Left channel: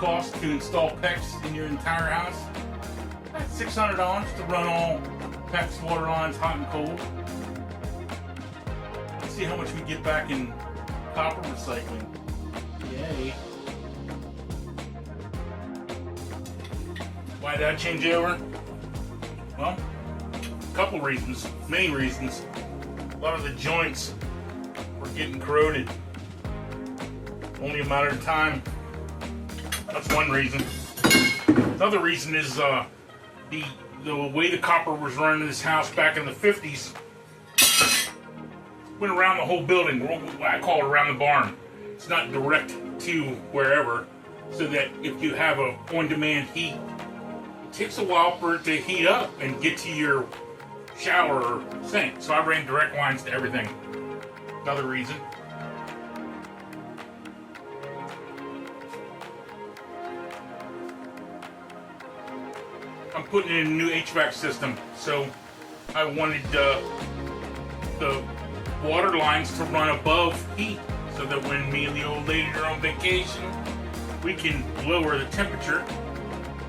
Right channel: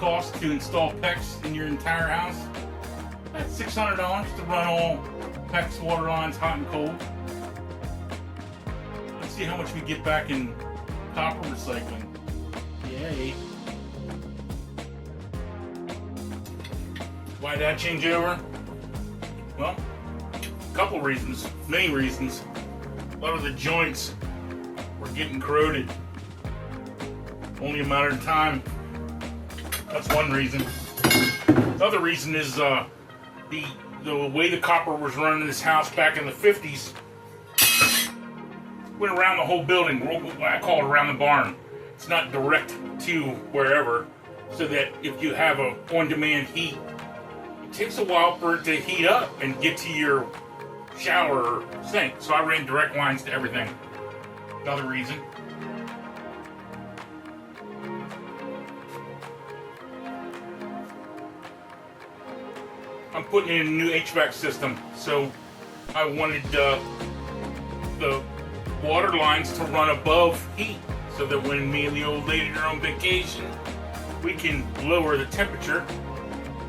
cost to install PEX in your entire house. That's $600 to run all PEX water lines, hot and cold. Let's see how much we get back in copper recycling. Yay. Why did I change it over? Well, a couple reasons, many reasons. A lot of the joints were getting corroded. Only a matter of time. That's one reason. Another reason is the way the copper was run in this house back in the 50s went around the whole building. I call it around the barn. It's not direct to wherever, so that if you have a on-demand heat, it takes a while for it to heat up and get to your shower or sink. So I ran direct lines to everything. Another reason. I'm putting in a new HVAC system, so I wanted the water lines to run above heat, so that when me and the old lady are on vacation, we can lower the temperature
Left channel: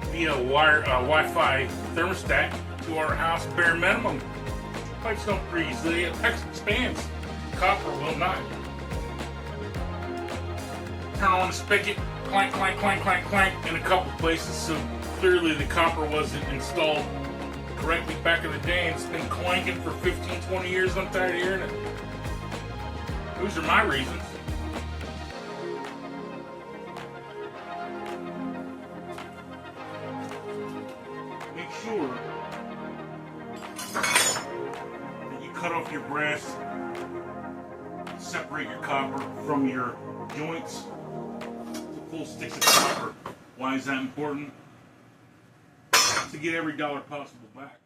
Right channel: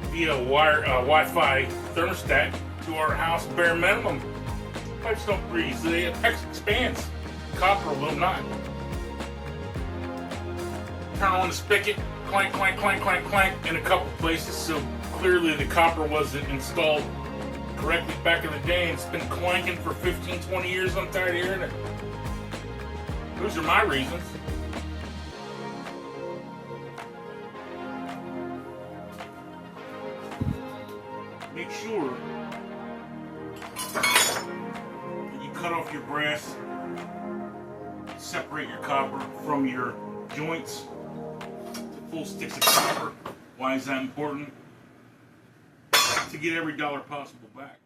via Wi-Fi thermostat to our house bare minimum. Pipes don't freeze, the PEX expands. Copper will not. Turn on the spigot, clank, clank, clank, clank, clank in a couple places, so clearly the copper wasn't installed correctly back in the day, and it's been clanking for 15, 20 years. I'm tired of hearing it. Those are my reasons. Make sure that you cut off your brass, separate your copper from your joints to full sticks of copper. Why is that important? To get every dollar possible back.